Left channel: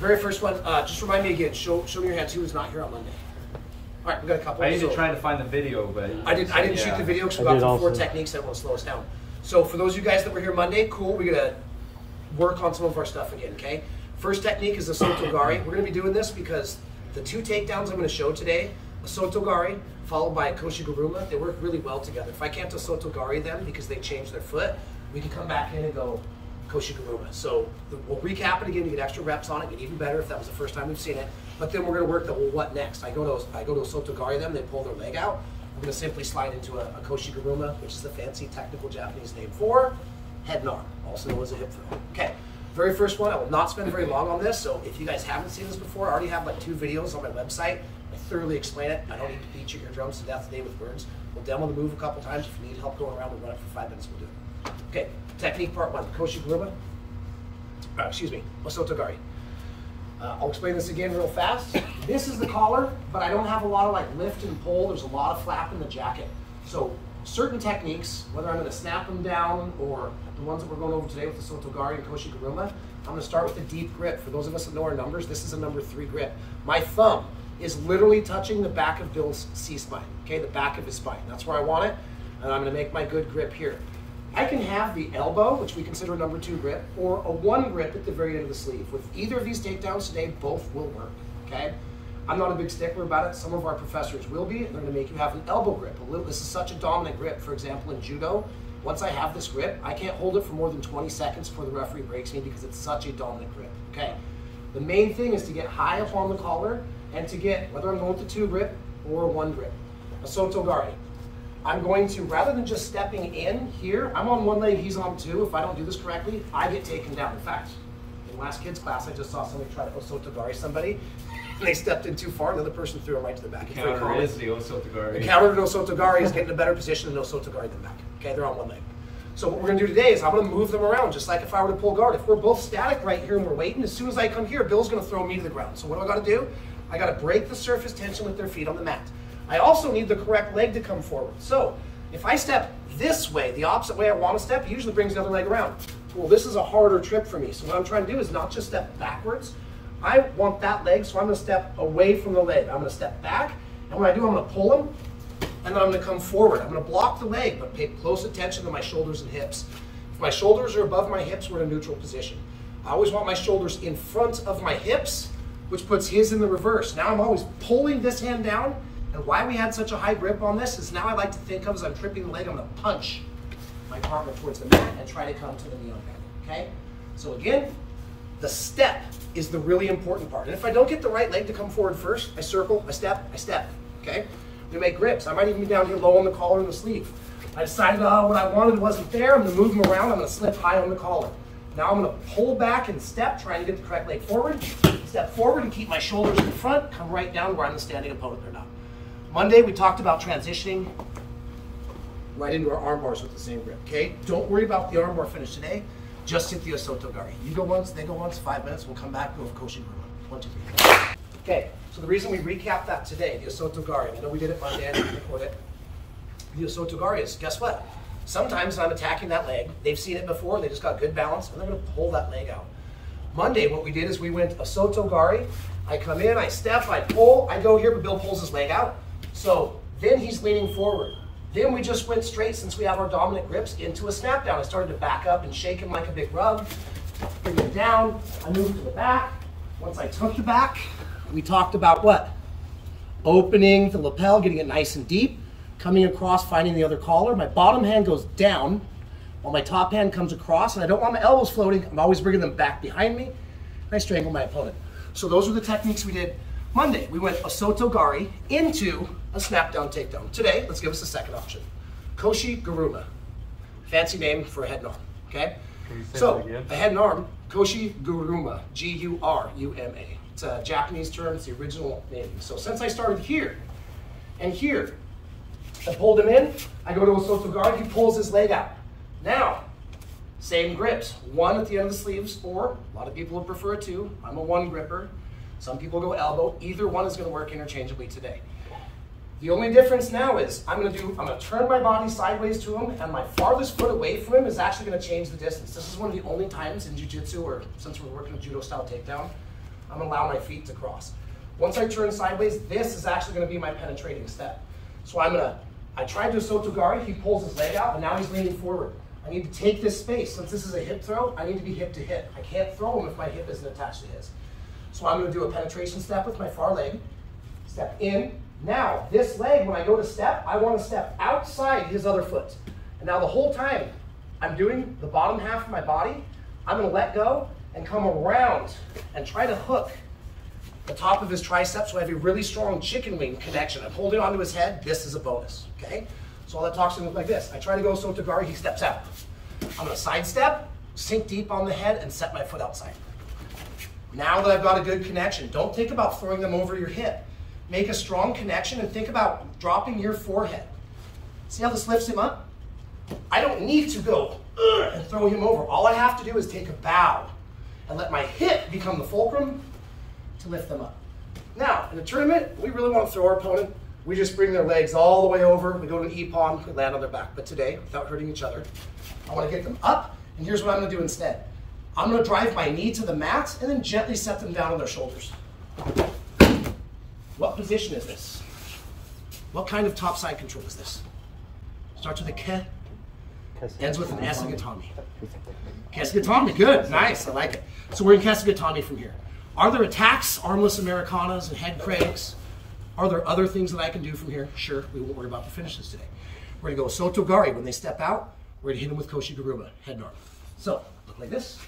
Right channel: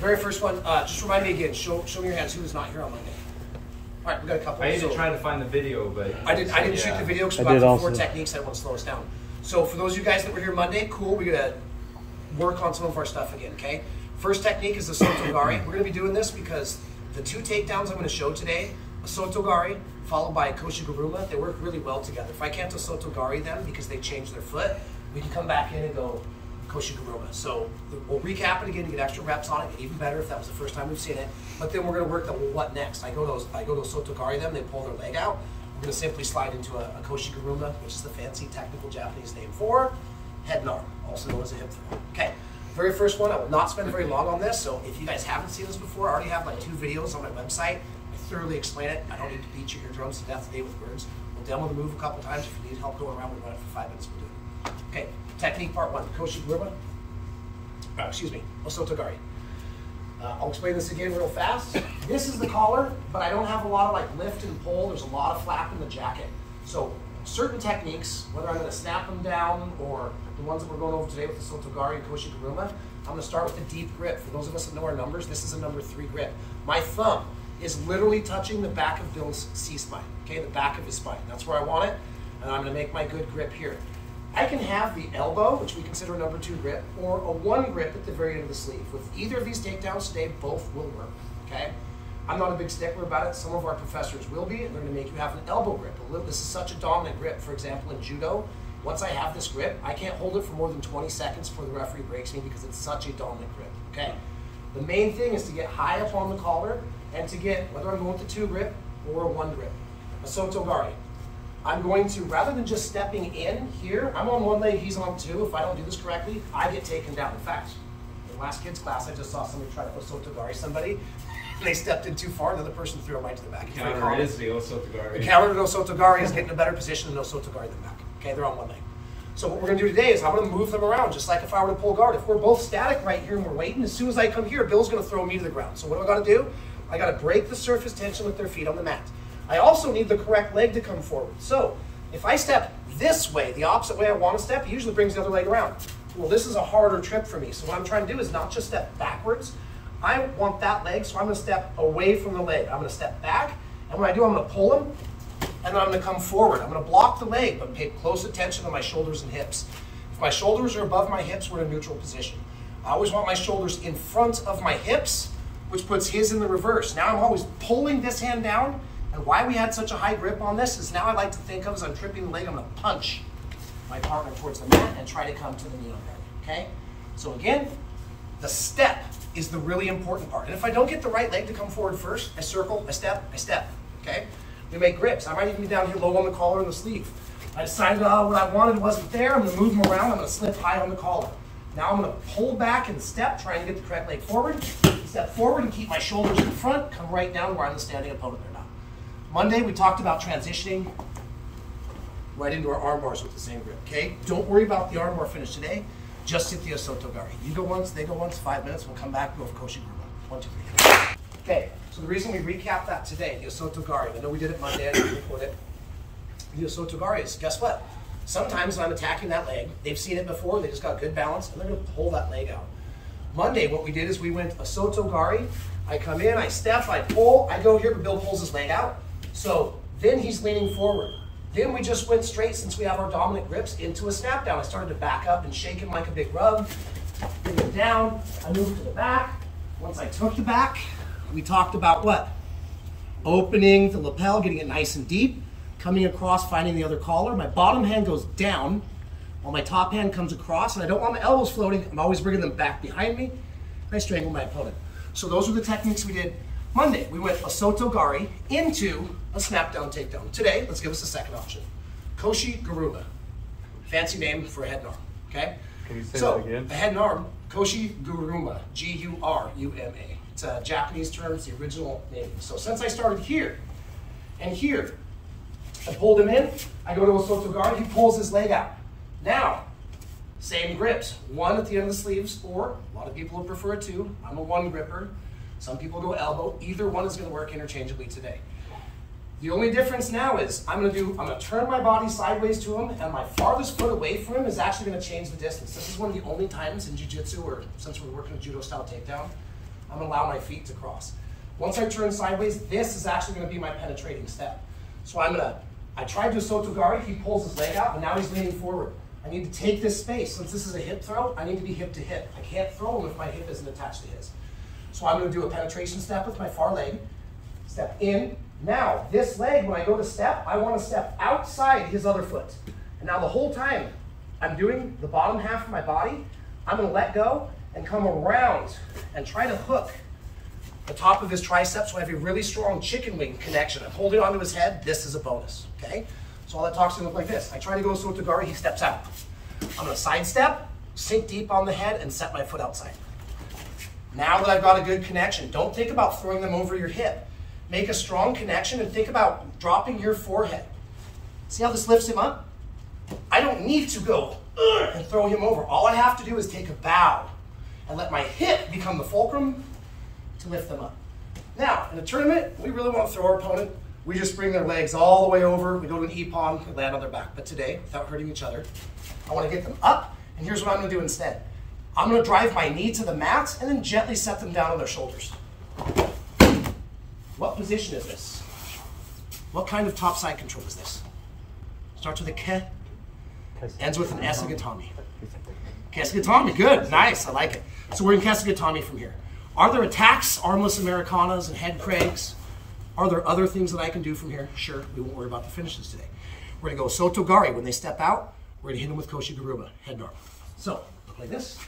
Very first one, just remind me again, show me your hands who was not here on Monday. All right, we got a couple. I ended up trying to find the video, but I didn't shoot the video because we got the 4 techniques that will slow us down. So for those of you guys that were here Monday, cool, we're gonna work on some of our stuff again, okay? First technique is the Osoto Gari. We're gonna be doing this because the 2 takedowns I'm gonna show today, Osoto Gari followed by Koshi Guruma, they work really well together. If I can't Osoto Gari them because they changed their foot, we can come back in and go Koshi Guruma. So we'll recap it again to get extra reps on it, get even better if that was the first time we've seen it. But then we're gonna work the what next. I go to Osoto Gari them, they pull their leg out. We're gonna simply slide into a Koshi Guruma, which is the fancy technical Japanese name for head and arm, also known as a hip throw. Okay, very first one, I will not spend very long on this. So if you guys haven't seen this before, I already have like 2 videos on my website. I thoroughly explain it. I don't need to beat your eardrums to death today with words. We'll demo the move a couple times. If you need help going around, we'll run it for 5 minutes, we'll do it. Okay, technique part 1, Koshi Guruma. Excuse me, Osoto Gari. I'll explain this again real fast. This is the collar, but I don't have a lot of like lift and pull. There's a lot of flap in the jacket. So certain techniques, whether I'm gonna snap them down or the ones that we're going over today with the Osoto Gari and Koshi Guruma, I'm gonna start with a deep grip. For those of us that know our numbers, this is a number 3 grip. My thumb is literally touching the back of Bill's C-spine, okay, the back of his spine. That's where I want it, and I'm gonna make my good grip here. I can have the elbow, which we consider a number 2 grip, or a 1 grip at the very end of the sleeve. With either of these takedowns today, both will work, okay? I'm not a big stickler about it. Some of our professors will be, and they're gonna make you have an elbow grip. This is such a dominant grip. For example, in judo, once I have this grip, I can't hold it for more than 20 seconds before the referee breaks me because it's such a dominant grip, okay? The main thing is to get high up on the collar and to get, whether I'm going with the 2 grip or a 1 grip. Osoto Gari. I'm going to, rather than just stepping in here, I'm on 1 leg, he's on 2. If I don't do this correctly, I get taken down. In fact, in last kids class, I just saw somebody try to Osoto Gari somebody, and they stepped in too far, and the other person threw him right to the back. The counter is the Osoto Gari. The counter to Osoto Gari is getting a better position than Osoto Gari than back. Okay, they're on 1 leg. So what we're gonna do today is I'm gonna move them around, just like if I were to pull guard. If we're both static right here and we're waiting, as soon as I come here, Bill's gonna throw me to the ground. So what do I gotta do? I gotta break the surface tension with their feet on the mat. I also need the correct leg to come forward. So if I step this way, the opposite way I want to step, it usually brings the other leg around. Well, this is a harder trip for me. So what I'm trying to do is not just step backwards. I want that leg, so I'm going to step away from the leg. I'm going to step back, and when I do, I'm going to pull them, and then I'm going to come forward. I'm going to block the leg, but pay close attention to my shoulders and hips. If my shoulders are above my hips, we're in a neutral position. I always want my shoulders in front of my hips, which puts his in the reverse. Now I'm always pulling this hand down. And why we had such a high grip on this is now I like to think of as I'm tripping the leg, I'm gonna punch my partner towards the mat and try to come to the knee on belly, okay? So again, the step is the really important part. And if I don't get the right leg to come forward first, I circle, I step, okay? We make grips. I might even be down here low on the collar and the sleeve. I decided what I wanted wasn't there. I'm gonna move them around. I'm gonna slip high on the collar. Now I'm gonna pull back and step, trying to get the correct leg forward. Step forward and keep my shoulders in front, come right down where I'm the standing opponent or not. Monday, we talked about transitioning right into our arm bars with the same grip, okay? Don't worry about the arm bar finish today. Just hit the Osoto Gari. You go once, they go once, 5 minutes. We'll come back and go with Koshi Guruma. 1, 2, 3. Okay, so the reason we recap that today, the Osoto Gari, I know we did it Monday, I didn't record it. The Osoto Gari is, guess what? Sometimes I'm attacking that leg. They've seen it before, and they just got good balance, and they're gonna pull that leg out. Monday, what we did is we went Osoto Gari, I come in, I step, I pull, I go here, but Bill pulls his leg out. So then he's leaning forward. Then we just went straight, since we have our dominant grips, into a snap down. I started to back up and shake him like a big rug, bring him down, I moved to the back. Once I took the back, we talked about what? Opening the lapel, getting it nice and deep, coming across, finding the other collar. My bottom hand goes down, while my top hand comes across, and I don't want my elbows floating. I'm always bringing them back behind me. I strangle my opponent. So those are the techniques we did Monday. We went Osoto Gari into a snap down takedown. Today, let's give us a second option. Koshi Guruma. Fancy name for a head and arm, okay? Can you say so, that again? A head and arm, Koshi Guruma, G-U-R-U-M-A. It's a Japanese term, it's the original name. So since I started here and here, I pulled him in, I go to Osoto Gari, he pulls his leg out. Now, same grips, one at the end of the sleeves, or a lot of people would prefer two. I'm a one gripper. Some people go elbow. Either one is gonna work interchangeably today. The only difference now is I'm gonna turn my body sideways to him, and my farthest foot away from him is actually gonna change the distance. This is one of the only times in jiu-jitsu, or since we're working a judo style takedown, I'm gonna allow my feet to cross. Once I turn sideways, this is actually gonna be my penetrating step. So I tried to Osoto Gari, he pulls his leg out, and now he's leaning forward. I need to take this space. Since this is a hip throw, I need to be hip to hip. I can't throw him if my hip isn't attached to his. So I'm gonna do a penetration step with my far leg, step in. Now, this leg, when I go to step, I wanna step outside his other foot. And now the whole time I'm doing the bottom half of my body, I'm gonna let go and come around and try to hook the top of his tricep so I have a really strong chicken wing connection. I'm holding onto his head, this is a bonus, okay? So all that talks to him look like this. I try to go Osoto Gari, he steps out. I'm gonna sidestep, sink deep on the head, and set my foot outside. Now that I've got a good connection, don't think about throwing them over your hip. Make a strong connection and think about dropping your forehead. See how this lifts him up? I don't need to go and throw him over. All I have to do is take a bow and let my hip become the fulcrum to lift them up. Now, in a tournament, we really want to throw our opponent. We just bring their legs all the way over. We go to an ippon, we land on their back. But today, without hurting each other, I want to get them up, and here's what I'm going to do instead. I'm going to drive my knee to the mat and then gently set them down on their shoulders. What position is this? What kind of top side control is this? Starts with a ke, ends with an esagatami. Kesagatami, good, nice, I like it. So we're in kesagatami from here. Are there attacks, armless Americanas and head craigs? Are there other things that I can do from here? Sure, we won't worry about the finishes today. We're gonna go Osoto Gari. When they step out, we're gonna hit them with Koshi Guruma, head and arm. So, look like this.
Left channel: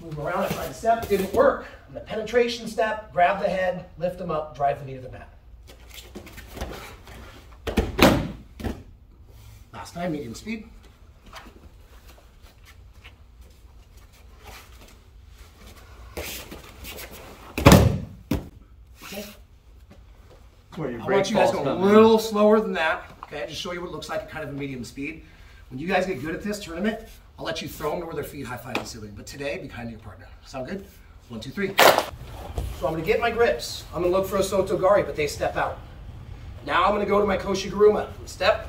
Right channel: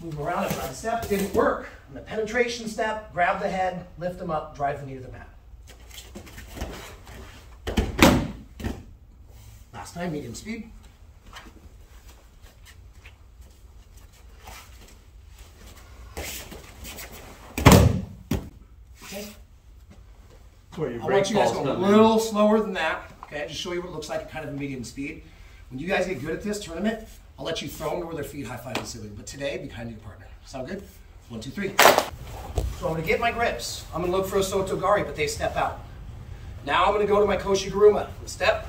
Move them around, I tried to step, it didn't work. And the penetration step, grab the head, lift them up, drive the knee to the mat. Last time, medium speed. Okay. I want you guys to go a little slower than that. Okay, just show you what it looks like at kind of a medium speed. When you guys get good at this tournament, I'll let you throw them to where their feet high-five the ceiling. But today, be kind to your partner. Sound good? 1, 2, 3. So I'm gonna get my grips. I'm gonna look for a Osoto Gari, but they step out. Now I'm gonna go to my Koshi Guruma. Step,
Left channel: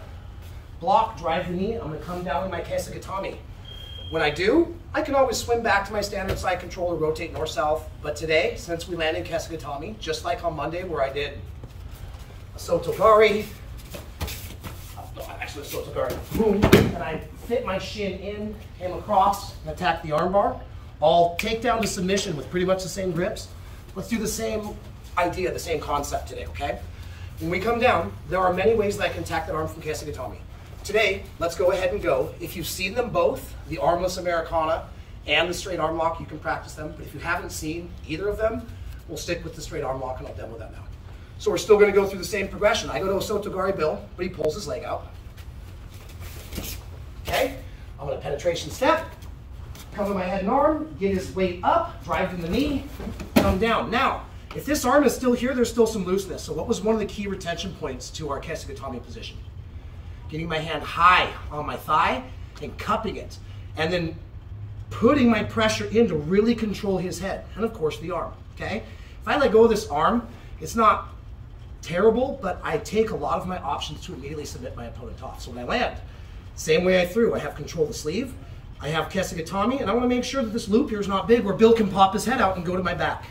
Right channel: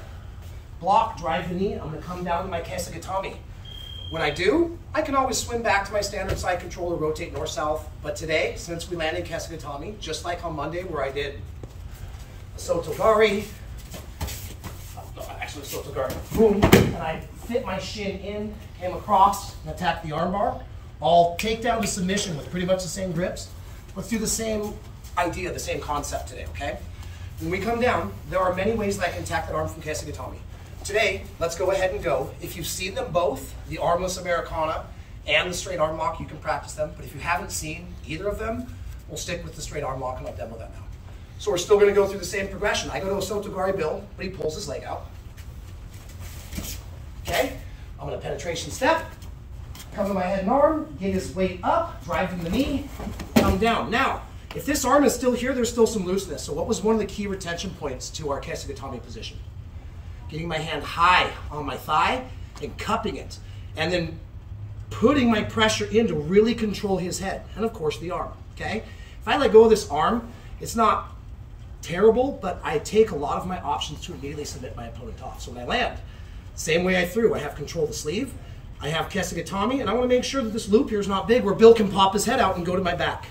block, drive the knee. I'm gonna come down to my kesagatami. When I do, I can always swim back to my standard side control or rotate north-south. But today, since we landed in kesagatami, just like on Monday where I did Osoto Gari, actually Osoto Gari, boom, and I fit my shin in, came across, and attacked the armbar. I'll take down to submission with pretty much the same grips. Let's do the same idea, the same concept today, okay? When we come down, there are many ways that I can attack the arm from kesagatami. Today, let's go ahead and go. If you've seen them both, the armless Americana and the straight arm lock, you can practice them. But if you haven't seen either of them, we'll stick with the straight arm lock and I'll demo that now. So we're still gonna go through the same progression. I go to Osoto Gari Bill, but he pulls his leg out. Okay, I'm gonna penetration step, come to my head and arm, get his weight up, drive to the knee, come down. Now, if this arm is still here, there's still some looseness. So what was one of the key retention points to our kesagatami position? Getting my hand high on my thigh and cupping it, and then putting my pressure in to really control his head, and of course the arm, okay? If I let go of this arm, it's not terrible, but I take a lot of my options to immediately submit my opponent off. So when I land, same way I threw, I have control of the sleeve, I have Kesagatami, and I want to make sure that this loop here is not big where Bill can pop his head out and go to my back.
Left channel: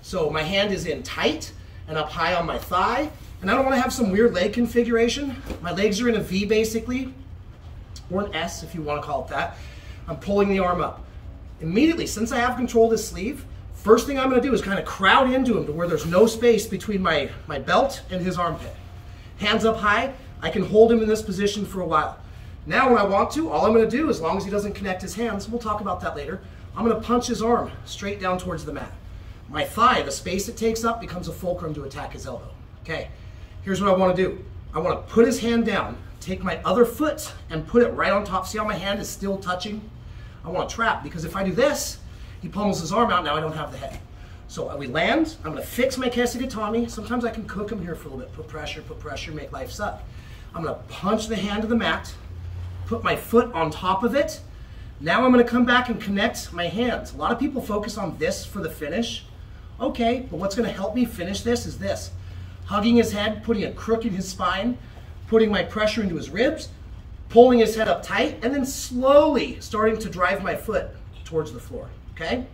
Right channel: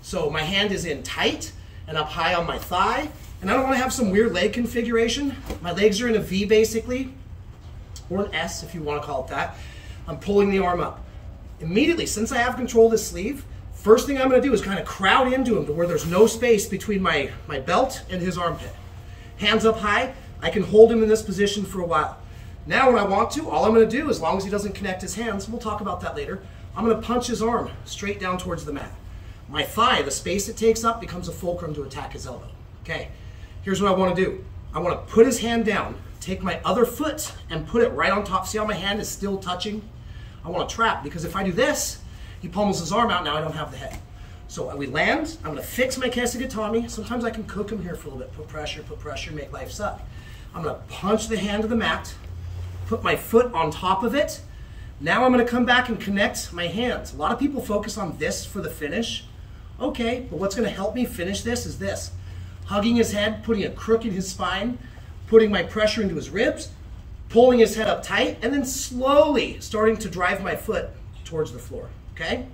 So my hand is in tight and up high on my thigh, and I don't want to have some weird leg configuration. My legs are in a V basically, or an S if you want to call it that. I'm pulling the arm up. Immediately, since I have control of this sleeve, first thing I'm going to do is kind of crowd into him to where there's no space between my belt and his armpit. Hands up high, I can hold him in this position for a while. Now when I want to, all I'm going to do, as long as he doesn't connect his hands, we'll talk about that later, I'm going to punch his arm straight down towards the mat. My thigh, the space it takes up, becomes a fulcrum to attack his elbow. Okay, here's what I want to do. I want to put his hand down, take my other foot and put it right on top. See how my hand is still touching? I want to trap, because if I do this, he pummels his arm out, now I don't have the head. So we land, I'm going to fix my Kesagatami. Sometimes I can cook him here for a little bit. Put pressure, make life suck. I'm going to punch the hand to the mat, put my foot on top of it. Now I'm going to come back and connect my hands. A lot of people focus on this for the finish. Okay, but what's going to help me finish this is this. Hugging his head, putting a crook in his spine, putting my pressure into his ribs, pulling his head up tight, and then slowly starting to drive my foot towards the floor, okay?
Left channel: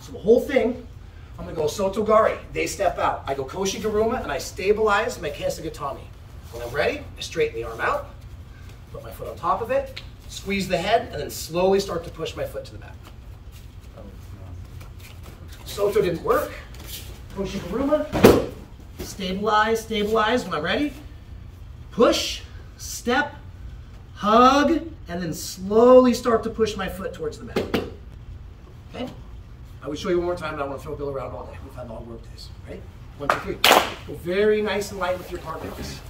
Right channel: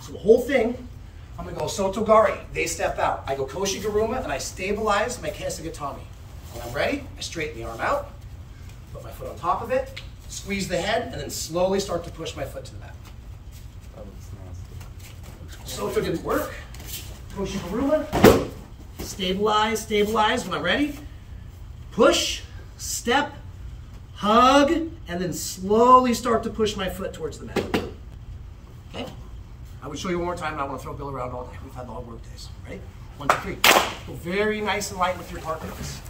So the whole thing, I'm going to go Osoto Gari. They step out. I go Koshi Guruma, and I stabilize my Kesagatami. When I'm ready, I straighten the arm out, put my foot on top of it, squeeze the head, and then slowly start to push my foot to the back. Osoto didn't work. Koshi Guruma, stabilize. When I'm ready, push, step, hug, and then slowly start to push my foot towards the mat. Okay? I would show you one more time, and I want to throw Bill around all day. We've had long work days, right? 1, 2, 3. Go very nice and light with your partners.